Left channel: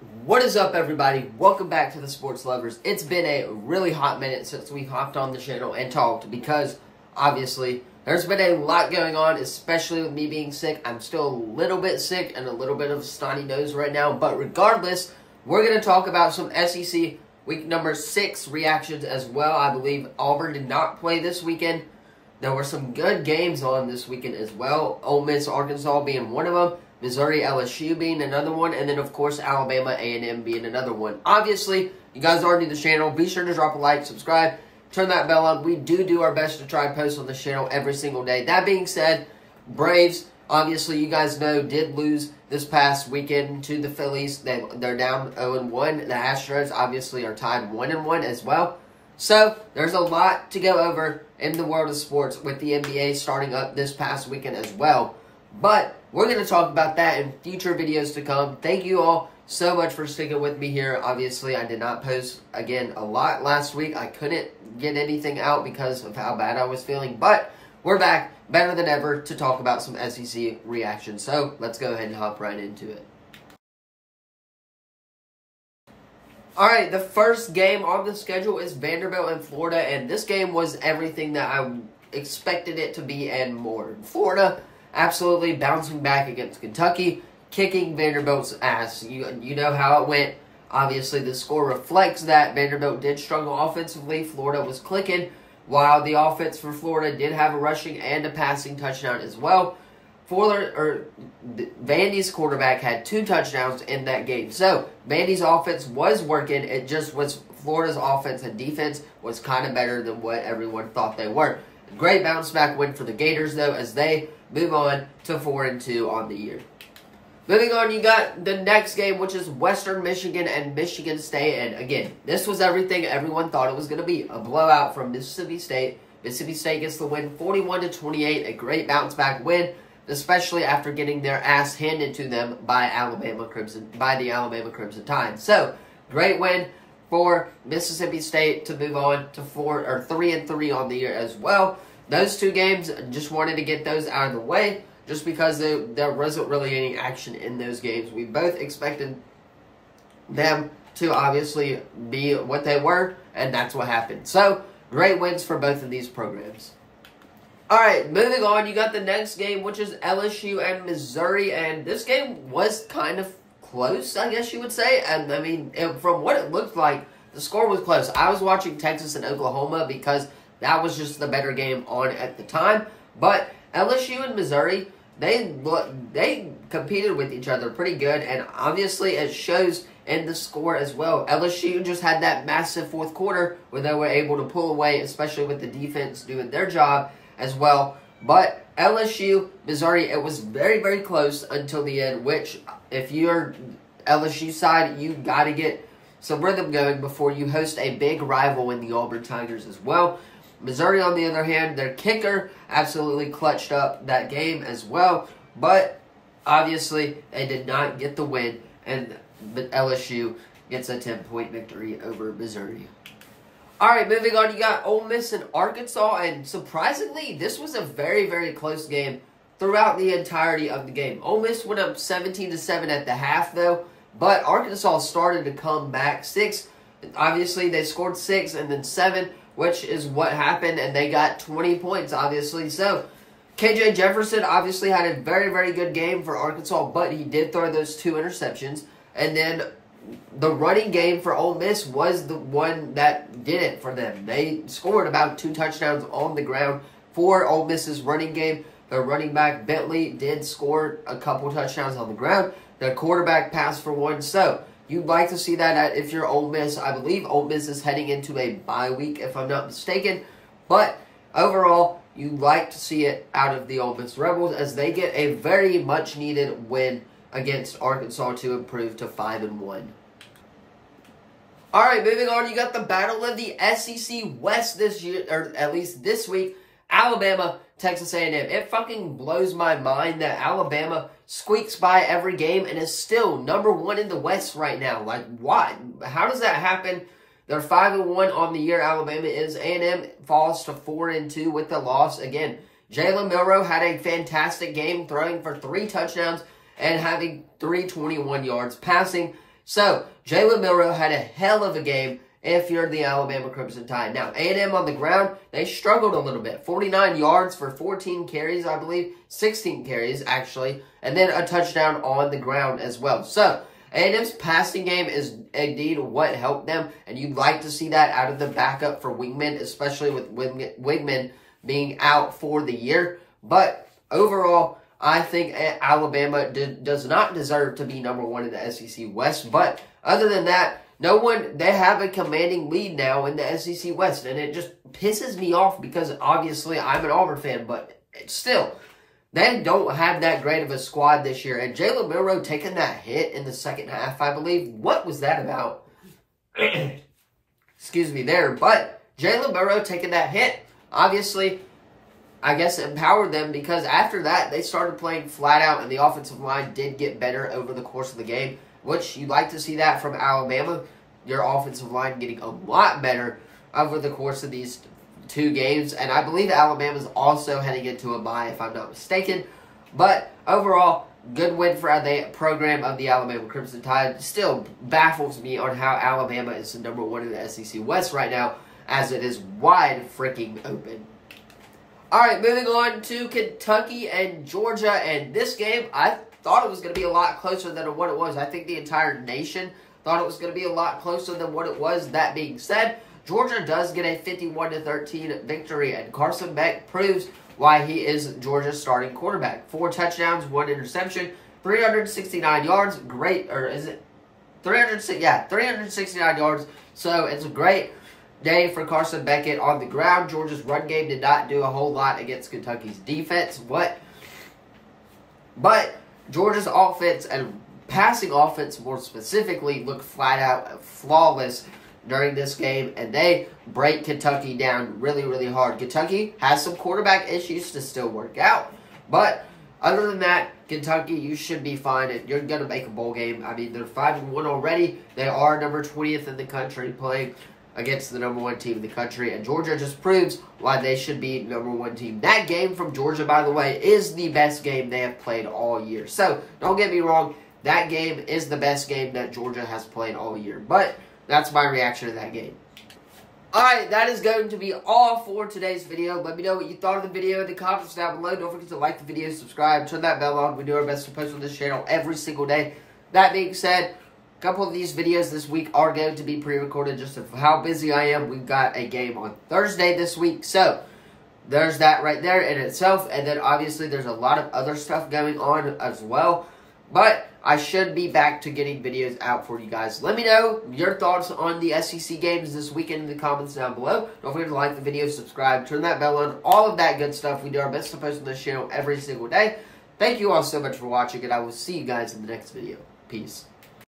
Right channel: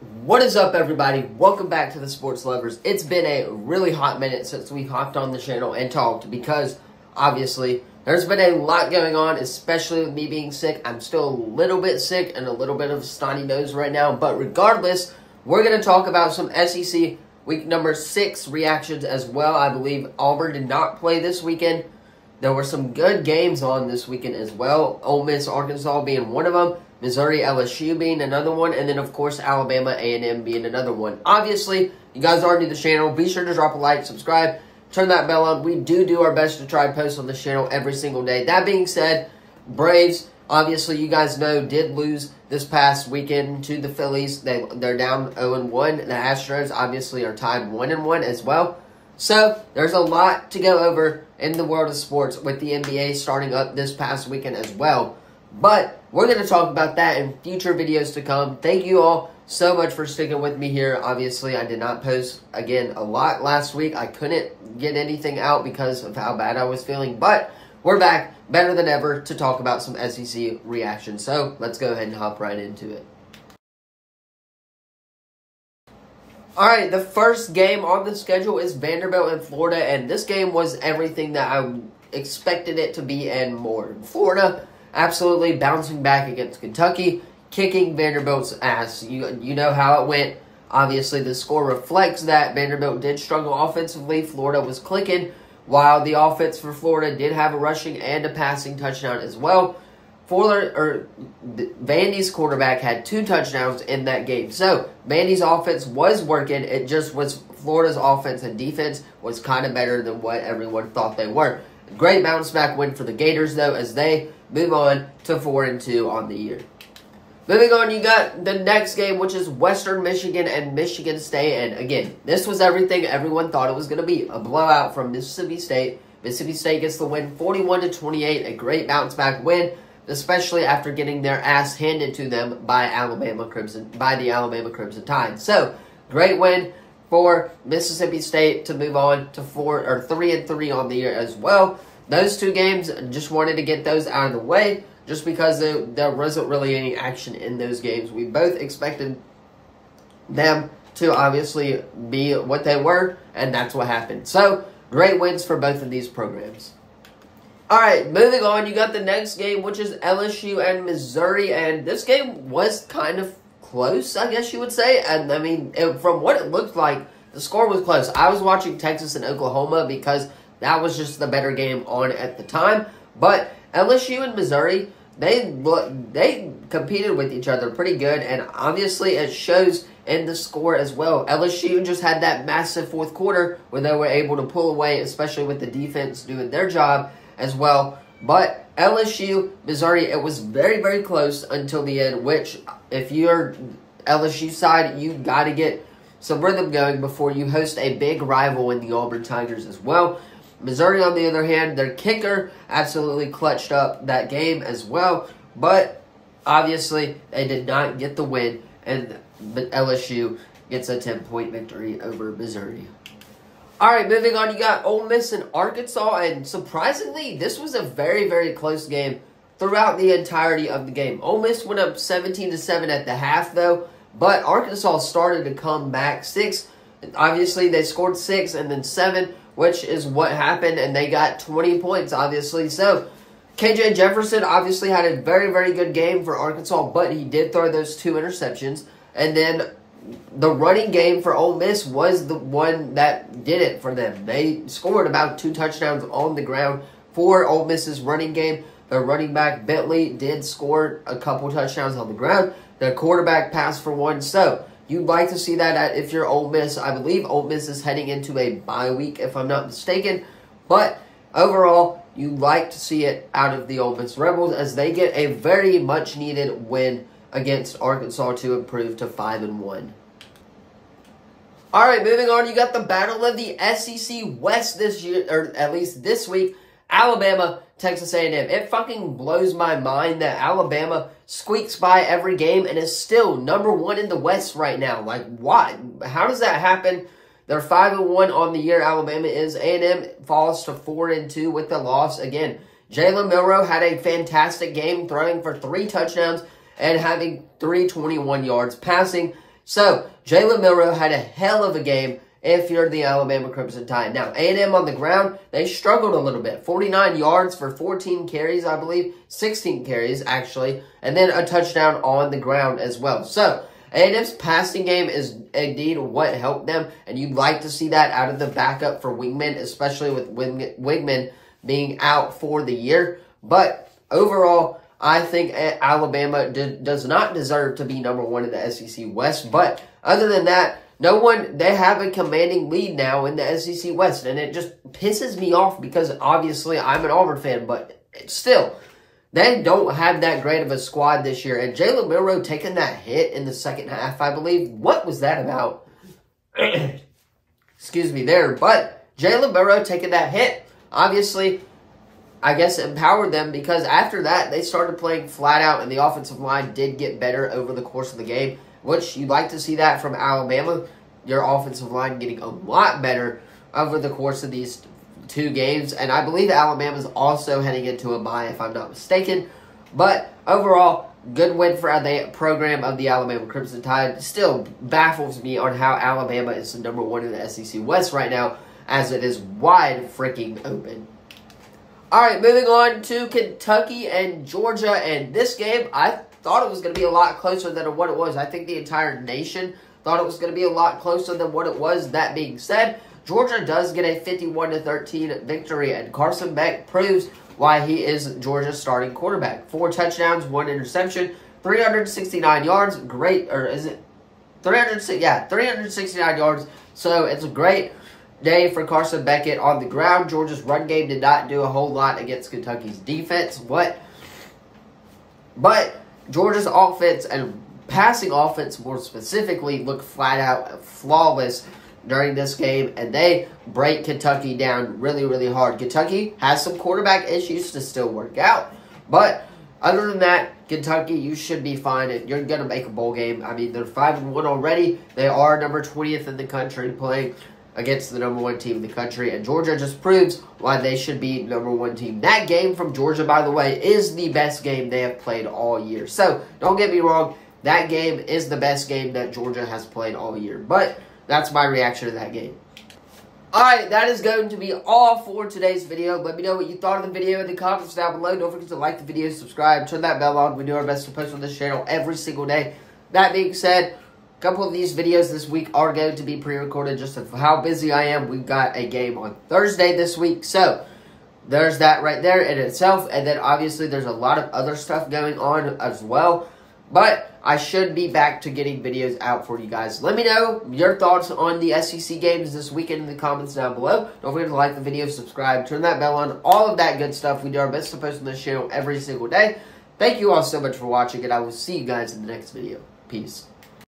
What is up, everybody? Welcome back to the Sports Lovers. It's been a really hot minute since we hopped on the channel and talked because, obviously, there's been a lot going on, especially with me being sick. I'm still a little bit sick and a little bit of a snotty nose right now, but regardless, we're going to talk about some SEC Week number 6 reactions as well. I believe Auburn did not play this weekend. There were some good games on this weekend as well. Ole Miss, Arkansas being one of them. Missouri, LSU being another one. And then, of course, Alabama, A&M being another one. Obviously, you guys are new to the channel. Be sure to drop a like, subscribe, turn that bell on. We do our best to try and post on the channel every single day. That being said, Braves, obviously, you guys know, did lose this past weekend to the Phillies. They're down 0-1. The Astros, obviously, are tied 1-1 as well. So, there's a lot to go over in the world of sports with the NBA starting up this past weekend as well. But we're going to talk about that in future videos to come. Thank you all so much for sticking with me here. Obviously, I did not post, again, a lot last week. I couldn't get anything out because of how bad I was feeling. But we're back better than ever to talk about some SEC reactions. So, let's go ahead and hop right into it. Alright, the first game on the schedule is Vanderbilt and Florida. And this game was everything that I expected it to be and more. Florida absolutely bouncing back against Kentucky, kicking Vanderbilt's ass. You know how it went. Obviously, the score reflects that. Vanderbilt did struggle offensively. Florida was clicking, while the offense for Florida did have a rushing and a passing touchdown as well. Vandy's quarterback had 2 touchdowns in that game. So, Vandy's offense was working. It just was Florida's offense and defense was kind of better than what everyone thought they were. Great bounce back win for the Gators, though, as they move on to 4-2 on the year. Moving on, you got the next game, which is Western Michigan and Michigan State. And again, this was everything everyone thought it was going to be. A blowout from Mississippi State. Mississippi State gets the win 41-28. A great bounce back win, especially after getting their ass handed to them by the Alabama Crimson Tide. So, great win for Mississippi State to move on to 3-3 on the year as well. Those 2 games, just wanted to get those out of the way, just because there wasn't really any action in those games. We both expected them to obviously be what they were, and that's what happened. So, great wins for both of these programs. Alright, moving on, you got the next game, which is LSU and Missouri, and this game was kind of close, I guess you would say. And, I mean, from what it looked like, the score was close. I was watching Texas and Oklahoma because that was just the better game on at the time. But LSU and Missouri, they competed with each other pretty good, and obviously it shows in the score as well. LSU just had that massive fourth quarter where they were able to pull away, especially with the defense doing their job as well. But LSU, Missouri, it was very, very close until the end, which if you're LSU side, you got to get some rhythm going before you host a big rival in the Auburn Tigers as well. Missouri, on the other hand, their kicker absolutely clutched up that game as well. But obviously, they did not get the win, and LSU gets a 10-point victory over Missouri. Alright, moving on, you got Ole Miss and Arkansas, and surprisingly, this was a very, very close game throughout the entirety of the game. Ole Miss went up 17-7 at the half, though, but Arkansas started to come back. Obviously, they scored 6 and then 7, which is what happened, and they got 20 points, obviously. So, KJ Jefferson obviously had a very, very good game for Arkansas, but he did throw those 2 interceptions, and then the running game for Ole Miss was the one that did it for them. They scored about 2 touchdowns on the ground for Ole Miss's running game. Their running back, Bentley, did score a couple touchdowns on the ground. Their quarterback passed for 1. So, you'd like to see that if you're Ole Miss. I believe Ole Miss is heading into a bye week, if I'm not mistaken. But, overall, you'd like to see it out of the Ole Miss Rebels as they get a very much needed win against Arkansas to improve to 5-1. Alright, moving on, you got the battle of the SEC West this year, or at least this week. Alabama, Texas A&M. It fucking blows my mind that Alabama squeaks by every game and is still number 1 in the West right now. Like, why? How does that happen? They're 5-1 on the year. Alabama is. A&M falls to 4-2 with the loss. Again, Jalen Milroe had a fantastic game, throwing for 3 touchdowns and having 321 yards passing. So, Jalen Milroe had a hell of a game if you're the Alabama Crimson Tide. Now, A&M on the ground, they struggled a little bit. 49 yards for 14 carries, I believe. 16 carries, actually. And then a touchdown on the ground as well. So, A&M's passing game is indeed what helped them. And you'd like to see that out of the backup for Wingman, especially with Wingman being out for the year. But overall, I think Alabama does not deserve to be number one in the SEC West. But other than that, they have a commanding lead now in the SEC West. And it just pisses me off because obviously I'm an Auburn fan. But still, they don't have that great of a squad this year. And Jalen Milroe taking that hit in the second half, I believe. What was that about? Excuse me there. But Jalen Milroe taking that hit, obviously, I guess empowered them because after that, they started playing flat out and the offensive line did get better over the course of the game, which you'd like to see that from Alabama. Your offensive line getting a lot better over the course of these 2 games. And I believe Alabama's also heading into a bye, if I'm not mistaken. But overall, good win for the program of the Alabama Crimson Tide. Still baffles me on how Alabama is the number one in the SEC West right now, as it is wide freaking open. All right, moving on to Kentucky and Georgia. And this game, I thought it was going to be a lot closer than what it was. I think the entire nation thought it was going to be a lot closer than what it was. That being said, Georgia does get a 51-13 victory, and Carson Beck proves why he is Georgia's starting quarterback. 4 touchdowns, 1 interception, 369 yards. Great, or is it 360? Yeah, 369 yards. So it's a great day for Carson Beckett on the ground. Georgia's run game did not do a whole lot against Kentucky's defense. But Georgia's offense and passing offense more specifically looked flat out flawless during this game, and they break Kentucky down really, really hard. Kentucky has some quarterback issues to still work out, but other than that, Kentucky, you should be fine. You're going to make a bowl game. I mean, they're 5-1 already. They are number 20th in the country playing against the number 1 team in the country, and Georgia just proves why they should be number 1 team. That game from Georgia, by the way, is the best game they have played all year. So, don't get me wrong, that game is the best game that Georgia has played all year. But that's my reaction to that game. Alright, that is going to be all for today's video. Let me know what you thought of the video in the comments down below. Don't forget to like the video, subscribe, turn that bell on. We do our best to post on this channel every single day. That being said, a couple of these videos this week are going to be pre-recorded just of how busy I am. We've got a game on Thursday this week, so there's that right there in itself. And then obviously there's a lot of other stuff going on as well. But I should be back to getting videos out for you guys. Let me know your thoughts on the SEC games this weekend in the comments down below. Don't forget to like the video, subscribe, turn that bell on, all of that good stuff. We do our best to post on this channel every single day. Thank you all so much for watching, and I will see you guys in the next video. Peace.